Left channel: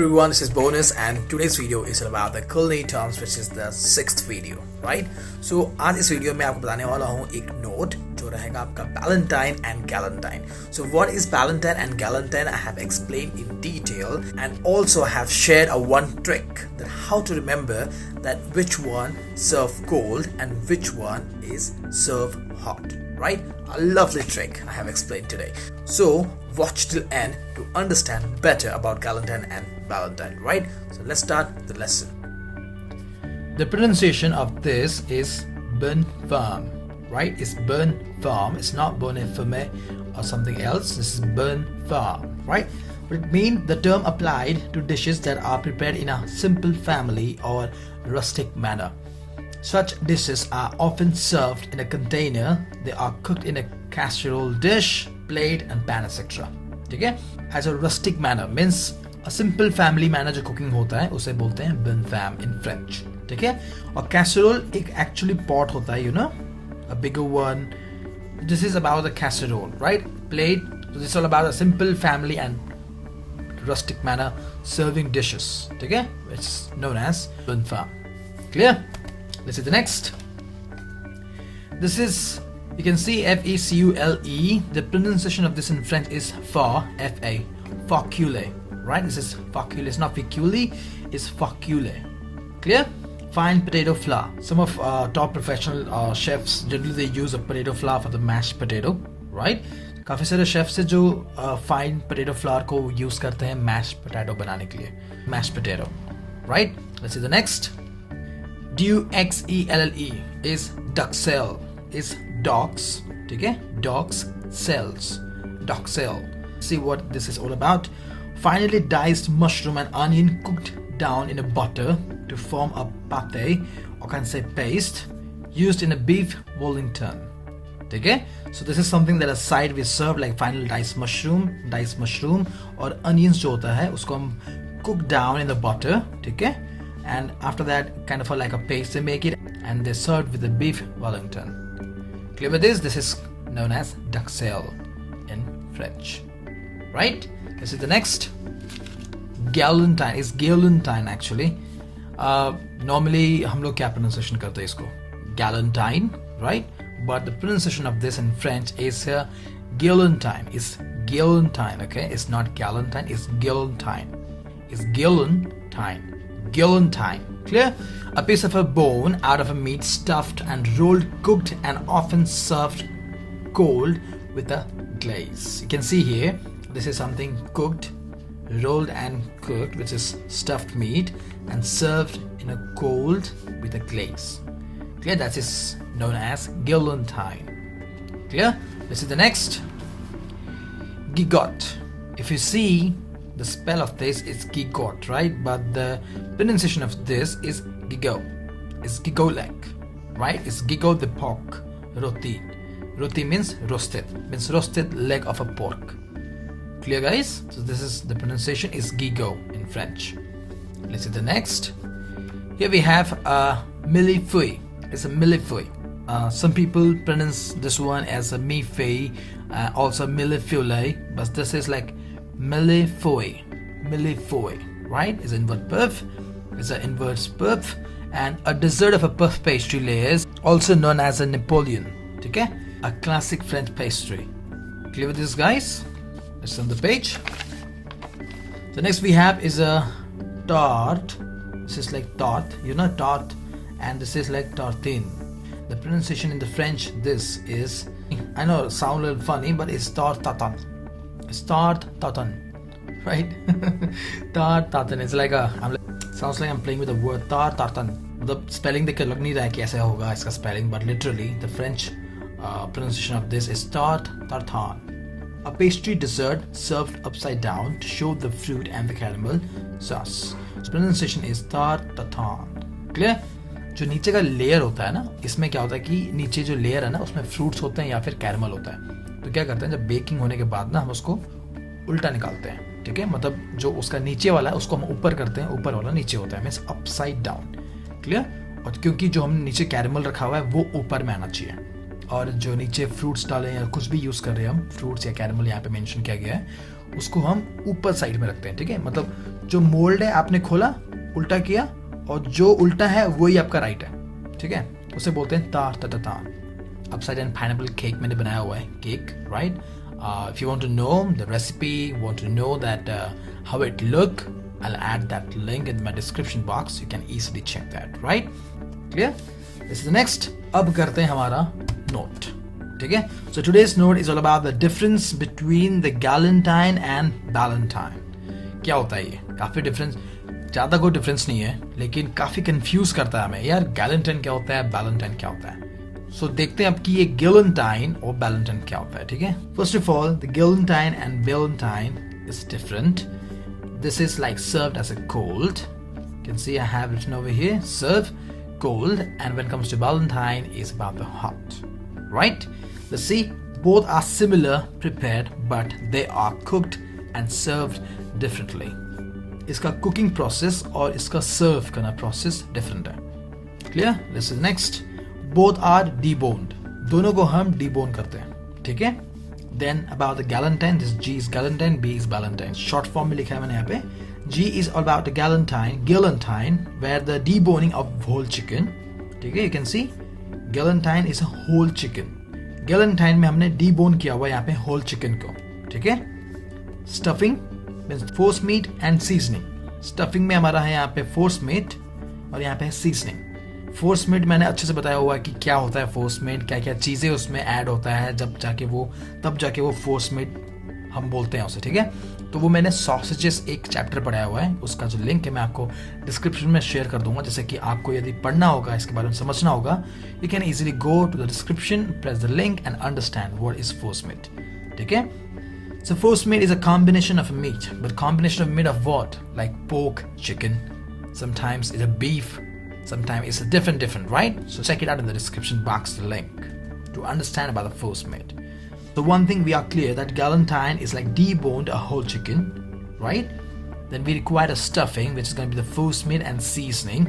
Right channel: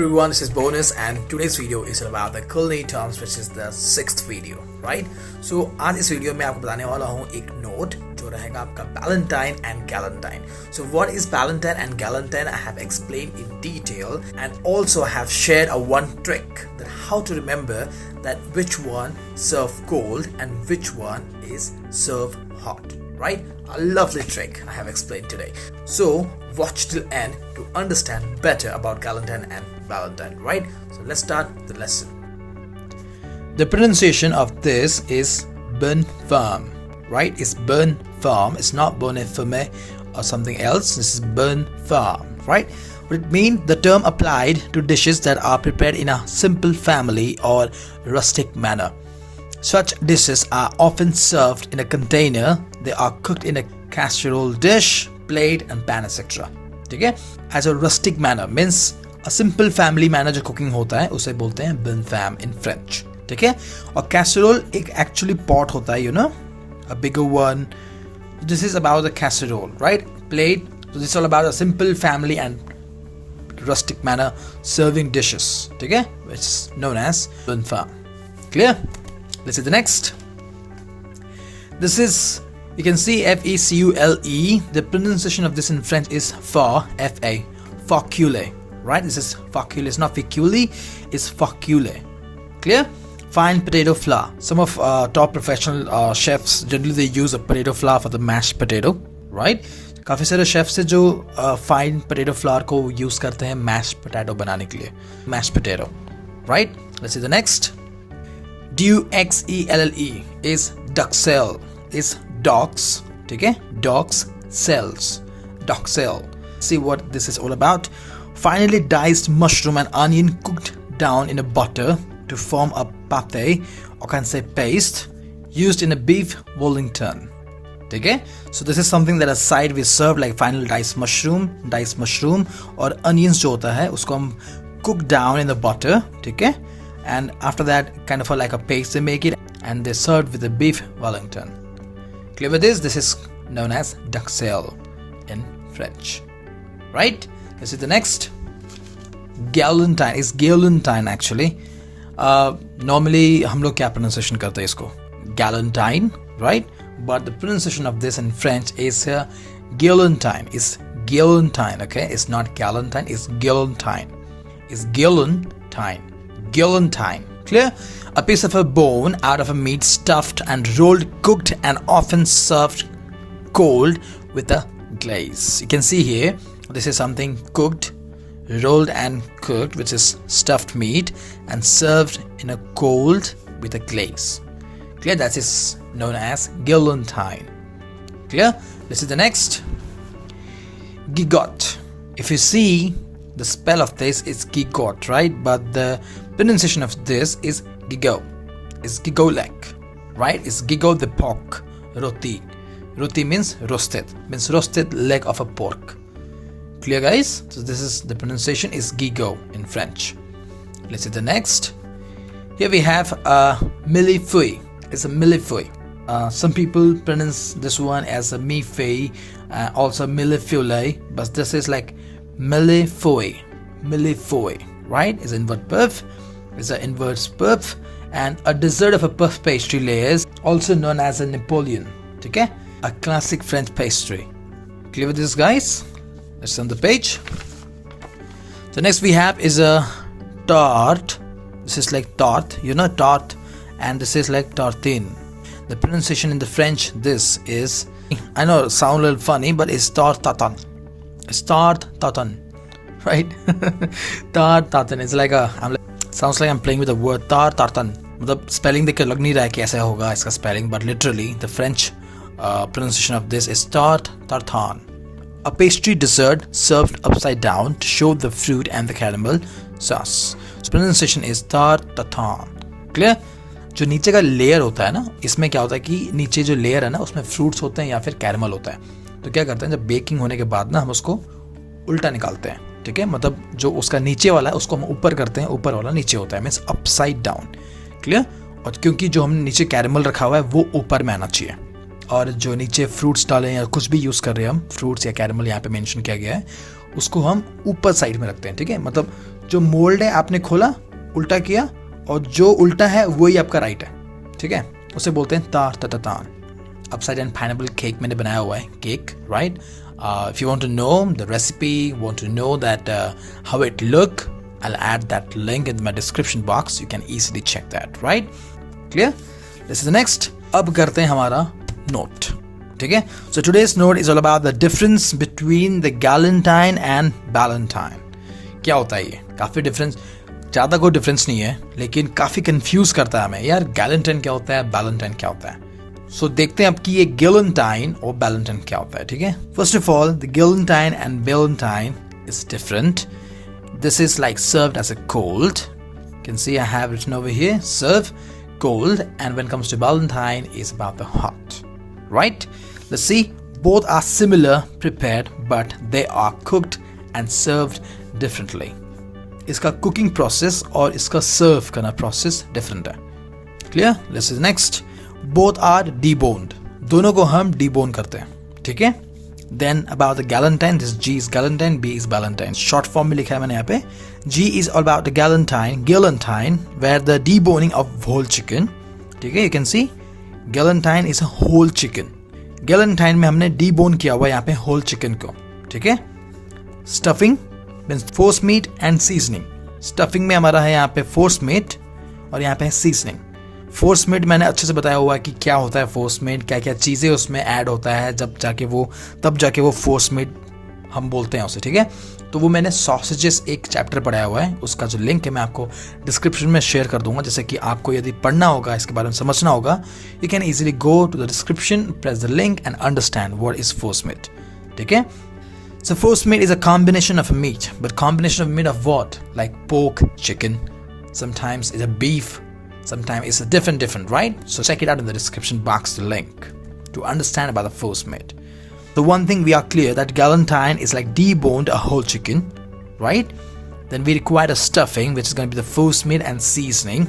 everyone, this is Bonus and today's video is about the culinary terms which is the sixth video, right? So आज इस वीडियो में आपको बताने वाला हूँ एक नोट जो रहेगा आपका Valentine and Galentine. So what is Valentine and Galentine I have explained in detail and also have shared a one trick that how to remember that which one serve cold and which one is serve hot, right? A lovely trick I have explained today. So watch till end to understand better about Galentine and Valentine, right? So let's start the lesson. The pronunciation of this is bonne femme, right? It's bonne femme. It's not bonne femme or something else. This is bonne femme, right? But it means the term applied to dishes that are prepared in a simple family or rustic manner. Such dishes are often served in a container. They are cooked in a casserole dish, plate and pan etc. ठीक है? As a rustic manner means a simple family manner जो cooking होता है उसे बोलते हैं bonne femme in French. ठीक है? और casserole एक actually pot होता है, you know, a bigger one. This is about the casserole, right? Plate. So this is all about a simple family and rustic manner serving dishes. ठीक है? Which is known as bonne femme. Clear? Let's see the next. This is, you can see F-E-C-U-L-E. The pronunciation of this in French is fa, F-A, facule, right? This is facule. It's not ficuli, it's facule. Clear? Fine potato flour. Some of top professional chefs generally they use a potato flour for the mashed potato, right? काफी सारे chefs है जो fine potato flour को use करते हैं mashed potato बनाने के लिए. Mashed potato, right? Let's see the next. D-U-X-E-L-L-E is duxelle. Is dogs, okay? Dogs cells. Duxelle. See what this is all about. Finely diced mushroom and onion cooked down in a butter to form a pate, or can say paste, used in a beef Wellington. Okay? So this is something that a side we serve like finely diced mushroom or onions जो होता है उसको हम cook down in the butter, okay? And after that kind of like a paste they make it and they serve with the beef Wellington. Clear with this? This is known as duxelle in French, right? This is the next. Galentine is Galentine actually. Normally हम लोग क्या pronunciation करते हैं इसको? Galentine, right? But the pronunciation of this in French is Galentine. It's Galentine, okay? It's not Galentine. It's Galentine. It's Galentine. Galentine. Clear? A piece of a bone out of a meat stuffed and rolled, cooked and often served cold with a glaze. You can see here, this is something cooked, rolled and cooked, which is stuffed meat and served in a cold with a glaze. Clear? That is known as Galentine. Clear? This is the next. Gigot. If you see the spell of this is gigot, right? But the pronunciation of this is gigot. It's gigolek, right? It's gigot the pork. Roti. Roti means roasted. Means roasted leg of a pork. Clear, guys? So this is the pronunciation is gigot in French. Let's see the next. Here we have a millefeuille. It's a millefeuille. Some people pronounce this one as a millefeuille, also millefeuille, but this is like millefeuille, right? Is invert perf, is an inverse perf, and a dessert of a puff pastry layers, also known as a Napoleon. Okay, a classic French pastry. Clear with this, guys? Let's on the page. So next we have is a tart. This is like tart, you know, tart, and this is like tartine. The pronunciation in the French, this is, I know it sounds a little funny, but it's tart tatin. Tart tatin, right? Tart tatin. It's like sounds like I'm playing with the word tart tatin. The spelling देख के लग नहीं रहा है कैसे होगा इसका spelling, but literally the French pronunciation of this is tart tartan. A pastry dessert served upside down to show the fruit and the caramel sauce. So pronunciation is tart tartan. Clear? जो नीचे का लेयर होता है ना, इसमें क्या होता है कि नीचे जो लेयर है ना उसमें फ्रूट्स होते हैं या फिर कैरमल होता है. तो क्या करते हैं जब बेकिंग होने के बाद ना हम उसको उल्टा निकालते हैं. ठीक है, मतलब जो उसका नीचे वाला है उसको हम ऊपर करते हैं, ऊपर वाला नीचे होता है, मीन्स अपसाइड डाउन. क्लियर? और क्योंकि जो हम नीचे कैरमल रखा हुआ है वो ऊपर में आना चाहिए, और जो नीचे फ्रूट्स डाले या कुछ भी यूज़ कर रहे हैं हम, फ्रूट्स या कैरमल यहाँ पे मेंशन किया गया है, उसको हम ऊपर साइड में रखते हैं. ठीक है, मतलब जो मोल्ड है आपने खोला, उल्टा किया, और जो उल्टा है वही आपका राइट है, ठीक है। उसे बोलते हैं तार तता तान। अपसाइड डाउन पाइनएप्पल केक मैंने बनाया हुआ है, cake, right. If you want to know the recipe, want to know that how it look, I'll add that link in my description box. You can easily check that, right? Clear? This is the next. अब करते हैं हमारा note, ठीक है। So today's note is all about the difference between the galentine and ballantine. क्या होता है ये? काफी डिफरेंस, ज़्यादा कोई डिफरेंस नहीं है, लेकिन काफी कंफ्यूज करता है हमें, यार गैलेंटाइन क्या होता है, बैलेंटाइन क्या होता है। सो देखते हैं अब कि ये गैलेंटाइन और बैलेंटाइन क्या होता है, ठीक है। First of all, the galantine and ballotine is different. This is like served as a cold. You can see I have written over here, serve cold, and when it comes to Valentine is about the hot, right? Let's see, both are similar prepared, but they are cooked and served differently. इसका cooking process और इसका serve करना process different है. Clear? This is next. Both are deboned, दोनों को हम debone करते हैं, ठीक है. Then about the galantine, this G is galantine, B is ballotine. Short form में लिखा है मैंने यहाँ पे. G is all about the galantine where the deboning of whole chicken, ठीक है. You can see galantine is a whole chicken. गैलेंटाइन में हमने डीबोन किया हुआ यहाँ पे होल चिकन को, ठीक है. Stuffing means forcemeat and seasoning. Stuffing में हमारा है यहाँ पे फोर्स मीट और यहाँ पे है सीजनिंग. फोर्स मीट मैंने अच्छे से बताया हुआ है कि क्या होता है फोर्स मीट, क्या क्या चीज़ें उसमें ऐड होता है, तब जाके वो फोर्स मीट हम बोलते हैं उसे, ठीक है. तो वो मैंने सॉसेजेस एक चैप्टर पढ़ाया हुआ है, उसका जो लिंक है मैं आपको डिस्क्रिप्शन में शेयर कर दूंगा, जैसे कि आपको यदि पढ़ना होगा, इसके बारे में समझना होगा, you can easily go to the description, press the link and understand what is forcemeat, ठीक है. So force meat is a combination of a meat, but combination of meat of what? Like pork, chicken, sometimes it's a beef, sometimes it's a different, right? So check it out in the description box, the link, to understand about the force meat. The one thing we are clear that Galentine is like deboned a whole chicken, right? Then we require a stuffing, which is going to be the force meat and seasoning,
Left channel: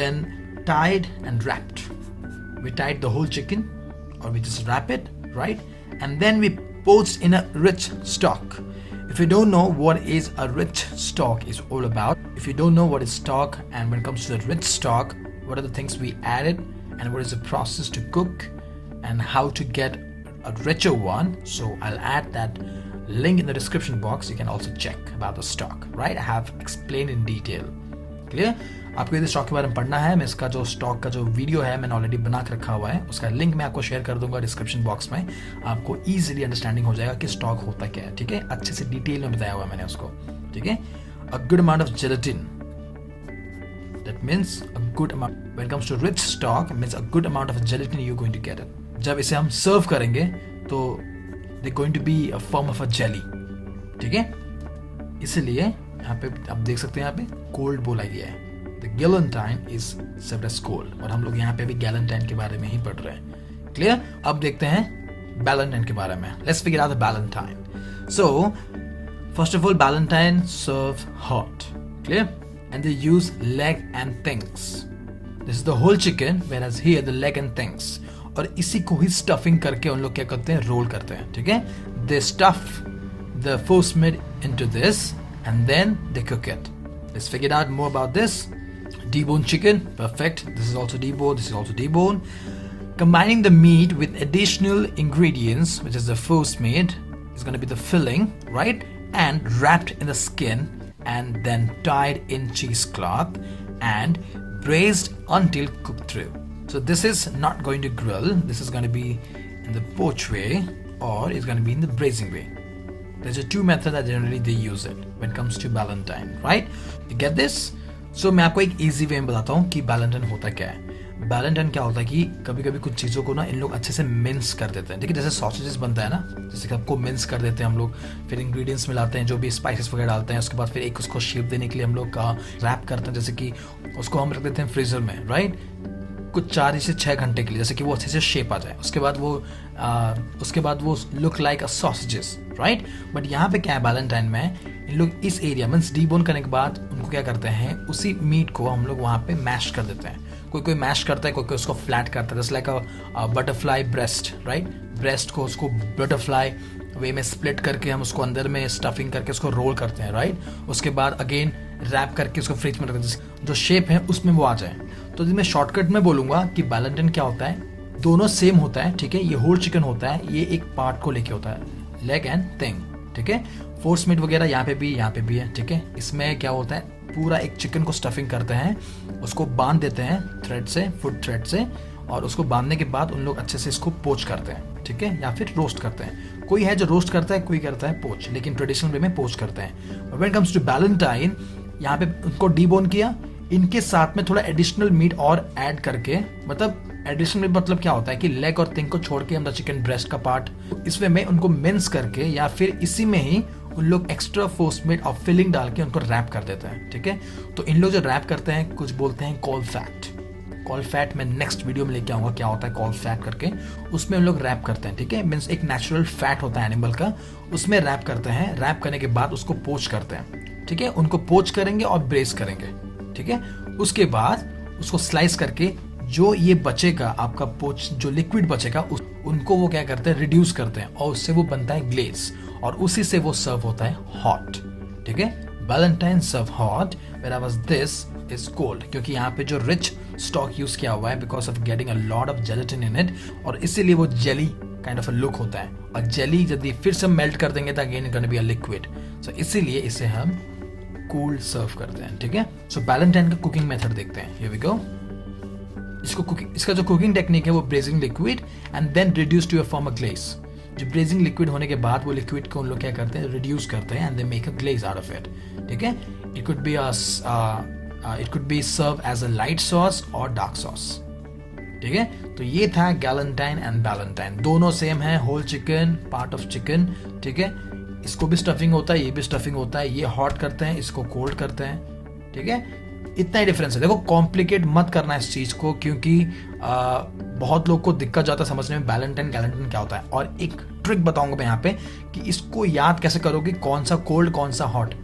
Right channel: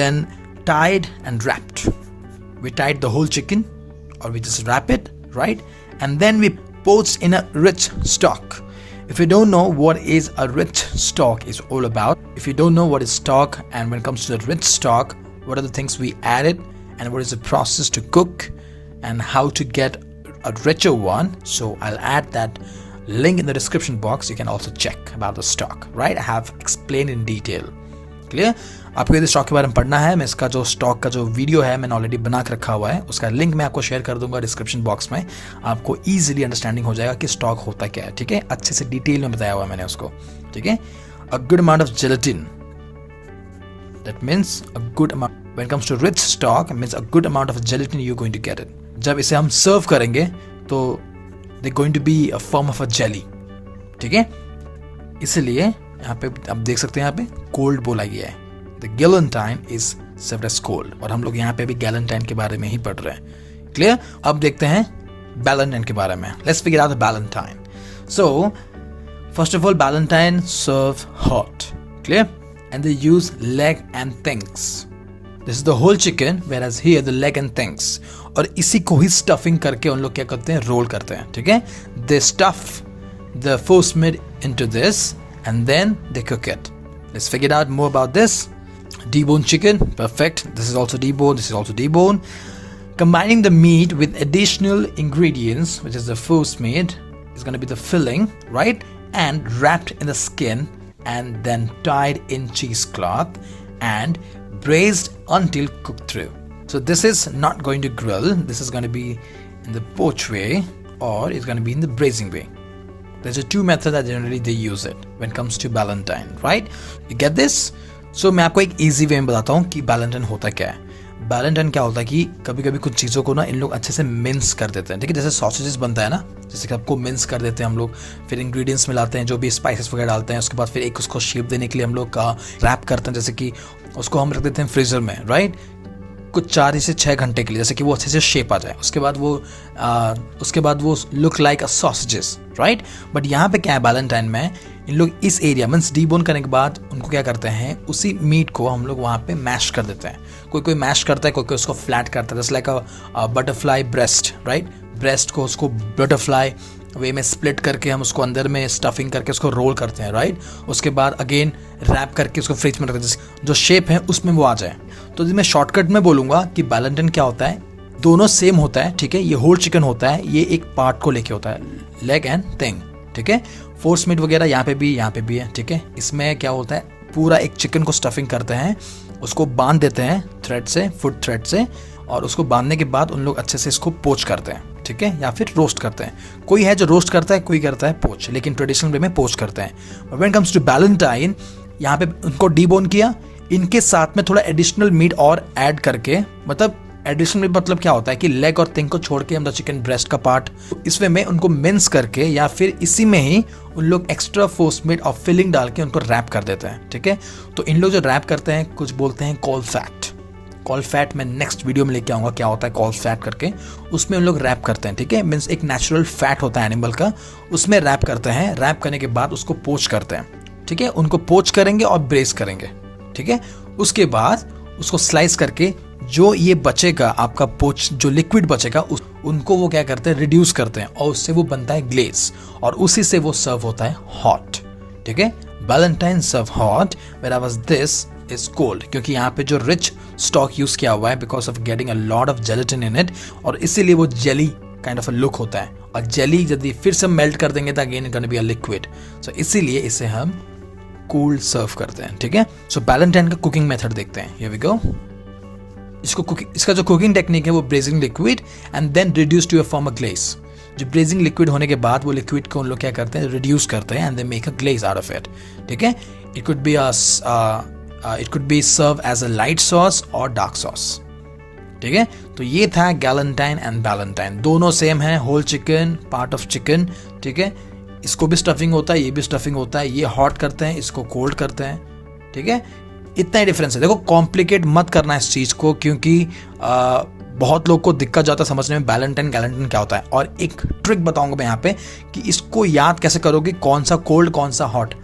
then tied and wrapped. We tied the whole chicken, or we just wrap it, right? And then we poached in a rich stock. If you don't know what is a rich stock is all about, if you don't know what is stock, and when it comes to the rich stock, what are the things we added and what is the process to cook and how to get a richer one, so I'll add that link in the description box. You can also check about the stock, right? I have explained in detail. Clear? आपको यदि स्टॉक के बारे में पढ़ना है, मैं इसका जो स्टॉक का जो वीडियो है मैंने ऑलरेडी बना के रखा हुआ है, उसका लिंक मैं आपको शेयर कर दूंगा डिस्क्रिप्शन बॉक्स में. आपको इजीली अंडरस्टैंडिंग हो जाएगा कि स्टॉक होता क्या है, ठीक है. अच्छे से डिटेल में बताया हुआ है मैंने उसको, ठीक है. A good amount of gelatin, that means a good amount. When it comes to rich stock means a good amount of gelatin you going to get it. जब इसे हम सर्व करेंगे तो they going to be a form of a jelly, ठीक है. इसलिए यहाँ पे आप देख सकते हैं, यहाँ पे कोल्ड बोला गया है. The Galentine is served as cold, और हम लोग यहाँ पे भी गैलेंटाइन के बारे में ही पढ़ रहे हैं. क्लियर? अब देखते हैं बैलेंटाइन के बारे में. Let's figure out the Valentine. So first of all, Valentine serve hot, clear? And they use leg and things. This is the whole chicken, whereas here the leg and things. और इसी को ही स्टफिंग करके उन लोग क्या करते हैं, रोल करते हैं, ठीक है. They stuff the force meat into this and then they cook it. Let's figure out more about this. Deboned chicken, perfect. This is also deboned, this is also deboned. Combining the meat with additional ingredients, which is the force meat, is going to be the filling, right? And wrapped in the skin and then tied in cheesecloth and braised until cooked through. So this is not going to grill. This is going to be in the poach way, or it's going to be in the braising way. There's a two methods that generally they use it when it comes to Valentine, right? You get this? So मैं आपको एक easy way में बताता हूँ कि बैलेंटाइन होता क्या है. बैलेंटाइन क्या होता है कि कभी कभी कुछ चीज़ों को ना इन लोग अच्छे से मिन्स कर देते हैं, ठीक है. जैसे सॉसेजेस बनता है ना, जैसे कि आपको मिन्स कर देते हैं हम लोग, फिर इंग्रेडिएंट्स मिलाते हैं, जो भी स्पाइसेस वगैरह डालते हैं, उसके बाद फिर एक उसको शेप देने के लिए हम लोग का रैप करते हैं, जैसे कि उसको हम रख देते हैं फ्रीजर में, राइट, कुछ 4 से 6 घंटे के लिए, जैसे कि वो अच्छे से शेप आ जाए. उसके बाद वो look like a sausages, right. But यहाँ पे क्या है बैलेंटाइन में, इन लोग इस एरिया मीन्स डीबोन करने के बाद उनको क्या करते हैं, उसी मीट को हम लोग वहाँ पे मैश कर देते हैं. कोई मैश करता है, कोई उसको फ्लैट करता है, जैसे like a butterfly breast, right. Breast को उसको बटरफ्लाई वे में स्प्लिट करके हम उसको अंदर में स्टफिंग करके उसको रोल करते हैं, राइट। उसके बाद अगेन रैप करके उसको फ्रिज में रखते हैं, जो शेप है उसमें वो आ जाए। तो मैं शॉर्टकट में बोलूँगा कि बैलेंटाइन क्या होता है, दोनों सेम होता है, ठीक है। ये होल चिकन होता है, ये एक पार्ट को लेके होता है, लेग एंड थिंग, ठीक है। फोर्स मीट वगैरह यहाँ पे भी है, ठीक है। इसमें क्या होता है, पूरा एक चिकन को स्टफिंग करते हैं, उसको बांध देते हैं थ्रेड से, फुट थ्रेड से, और उसको बांधने के बाद उन लोग अच्छे से इसको पोच करते हैं, ठीक है, या फिर रोस्ट करते हैं। कोई है जो रोस्ट करता है, कोई करता है पोच, लेकिन ट्रेडिशनल वे में पोच करते हैं। व्हेन कम्स टू बैलेंटाइन, यहाँ पे उनको डीबोन किया, इनके साथ में थोड़ा एडिशनल मीट और ऐड करके, मतलब एडिशनल मीट मतलब क्या होता है कि लेग और थिंग को छोड़ के हम चिकन ब्रेस्ट का पार्ट, इसमें में उनको मिन्स करके या फिर इसी में ही उन लोग एक्स्ट्रा फोर्स मीट और फिलिंग डाल के उनको रैप कर देते हैं, ठीक है। तो इन लोग जो रैप करते हैं, कुछ बोलते हैं कॉल फैट। कॉल फैट मैं नेक्स्ट वीडियो में लेके आऊँगा क्या होता है कॉल फैट करके, उसमें उन लोग रैप करते हैं, ठीक है। मीन्स एक नेचुरल फैट होता है एनिमल का, उसमें रैप करते हैं। रैप करने के बाद उसको पोच करते हैं, ठीक है। उनको पोच करेंगे और ब्रेस करेंगे, ठीक है। उसके बाद उसको स्लाइस करके जो ये बचेगा आपका पोच, जो लिक्विड बचेगा उनको वो क्या करते हैं, रिड्यूस करते हैं, और उससे वो बनता है ग्लेज, और उसी से वो सर्व होता है हॉट, ठीक है। Ballotine serve hot, wherever this is cold, क्योंकि यहाँ पे जो रिच स्टॉक यूज किया हुआ है because of getting a lot of gelatin in it, और इसीलिए वो jelly kind of a look होता है। और जेली यदि फिर से मेल्ट कर देंगे तो again it gonna be a liquid, so इसीलिए इसे हम कूल्ड सर्व करते हैं, ठीक है। सो बैलेंटाइन का कुकिंग मेथड देखते हैं, हियर वी गो। इसका जो कुकिंग टेक्निक है वो braising liquid and then reduce to a form a glaze. जो ब्रेजिंग लिक्विड होने के बाद वो लिक्विड को उन लोग क्या करते हैं, रिड्यूस करते हैं and they make a glaze out of it, ठीक है। It could be serve as a light sauce और डार्क सॉस, ठीक है। तो ये था गैलेंटाइन एंड बैलेंटाइन, दोनों सेम है, whole chicken, part of chicken, ठीक है। इसको भी स्टफिंग होता है, ये भी स्टफिंग होता है, ये हॉट करते हैं, इसको कोल्ड करते हैं, ठीक है। इतना ही डिफरेंस है। देखो कॉम्प्लिकेट मत करना इस चीज़ को, क्योंकि बहुत लोग को दिक्कत जाता है समझने में बैलेंटाइन गैलेंटाइन क्या होता है। और एक ट्रिक बताऊंगा मैं यहाँ पे कि इसको याद कैसे करोगे, कौन सा कोल्ड कौन सा हॉट।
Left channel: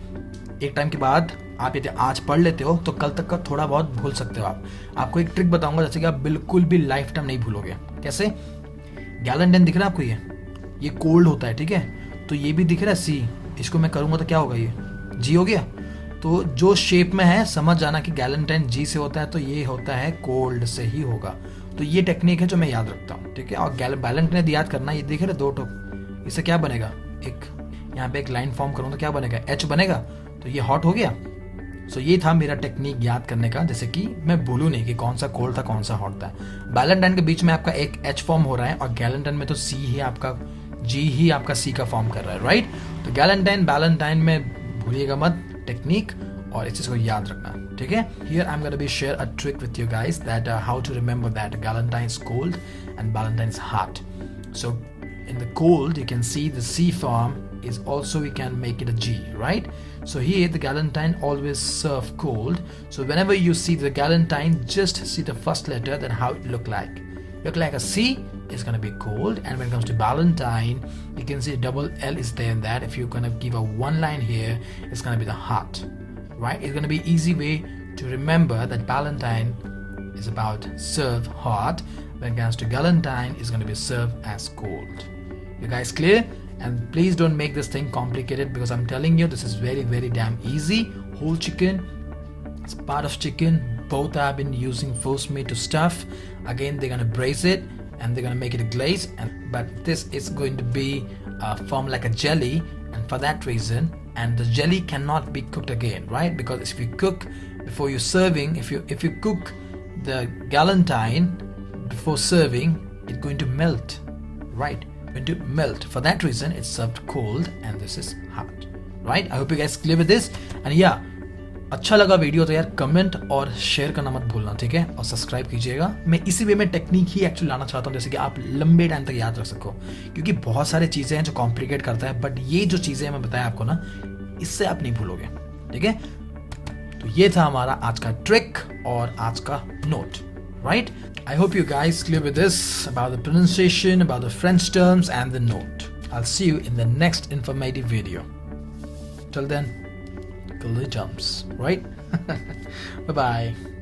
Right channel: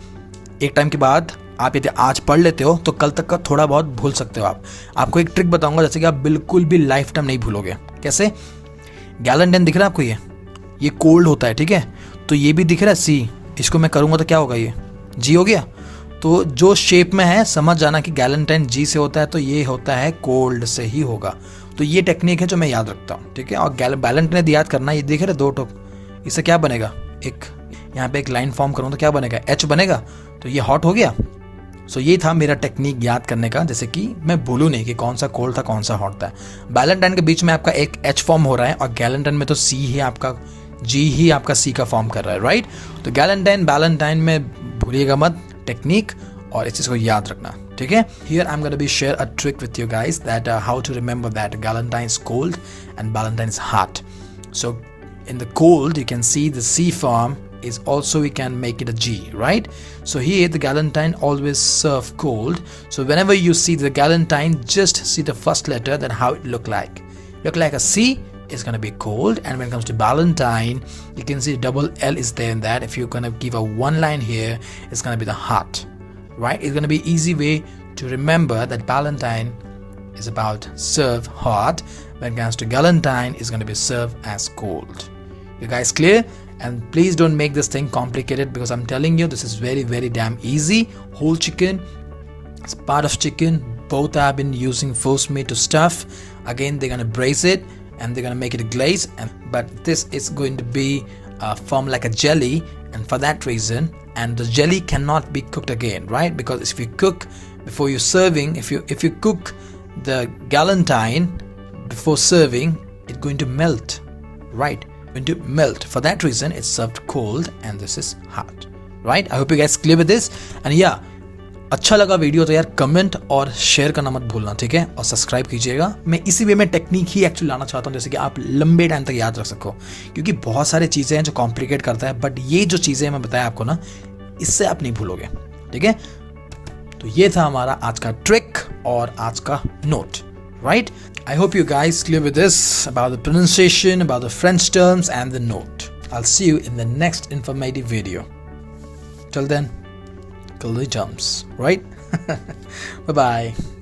एक टाइम के बाद आप यदि आज पढ़ लेते हो तो कल तक का थोड़ा बहुत भूल सकते हो आप। आपको एक ट्रिक बताऊंगा जैसे कि आप बिल्कुल भी लाइफ टाइम नहीं भूलोगे। कैसे, गैलेंटाइन दिख रहा है आपको, ये कोल्ड होता है, ठीक है। तो ये भी दिख रहा है सी, इसको मैं करूँगा तो क्या होगा, ये जी हो गया। तो जो शेप में है समझ जाना कि गैलेंटाइन जी से होता है, तो ये होता है कोल्ड से ही होगा। तो ये टेक्निक है जो मैं याद रखता हूँ, ठीक है। और बैलेंटाइन याद करना, ये देख रहे दो टोक, इससे क्या बनेगा, एक यहाँ पे एक लाइन फॉर्म करूँ तो क्या बनेगा, एच बनेगा, तो ये हॉट हो गया। सो ये था मेरा टेक्निक याद करने का, जैसे कि मैं भूलूं नहीं कि कौन सा कोल्ड था कौन सा हॉट था। बैलेंटाइन के बीच में आपका एक एच फॉर्म हो रहा है, और गैलेंटाइन में तो सी ही आपका, जी ही आपका सी का फॉर्म कर रहा है, राइट। तो गैलेंटाइन बैलेंटाइन में भूलिएगा मत टेक्निक, और इस चीज को याद रखना, ठीक है। Here I'm going to be share a trick with you guys that how to remember that Galentine's cold and Valentine's hot. So in the cold you can see the C form is also, we can make it a G, right? So here the Galentine always serve cold. So whenever you see the Galentine, just see the first letter, then how it look like. Look like a C is going to be cold, and when it comes to Valentine, you can see double L is there in that. If you're going to give a one line here, it's going to be the hot, right? It's going to be easy way to remember that Valentine is about serve hot, when it comes to Galentine is going to be served as cold. You guys clear? And please don't make this thing complicated, because I'm telling you this is very very damn easy. Whole chicken, it's part of chicken, both have been using force meat to stuff. Again they're going to braise it and they're going to make it a glaze, but this is going to be form like a jelly, and for that reason, and the jelly cannot be cooked again, right? Because if you cook before you're serving, if you cook the Galentine before serving, it's going to melt, right? Going to melt. For that reason it's served cold and this is hot, right? I hope you guys clear with this, and yeah, अच्छा लगा वीडियो तो यार कमेंट और शेयर करना मत भूलना, ठीक है। और सब्सक्राइब कीजिएगा। मैं इसी वे में टेक्निक ही एक्चुअली लाना चाहता हूँ, जैसे कि आप लंबे टाइम तक याद रख सको, क्योंकि बहुत सारी चीज़ें हैं जो कॉम्प्लिकेट करता है, बट ये जो चीज़ें मैं बताया आपको ना, इससे आप नहीं भूलोगे, ठीक है। तो ये था हमारा आज का ट्रिक और आज का note, right. I hope you guys clear with this about the pronunciation, about the French terms and the note. I'll see you in the next informative video. Till then, till the terms, right? Bye bye.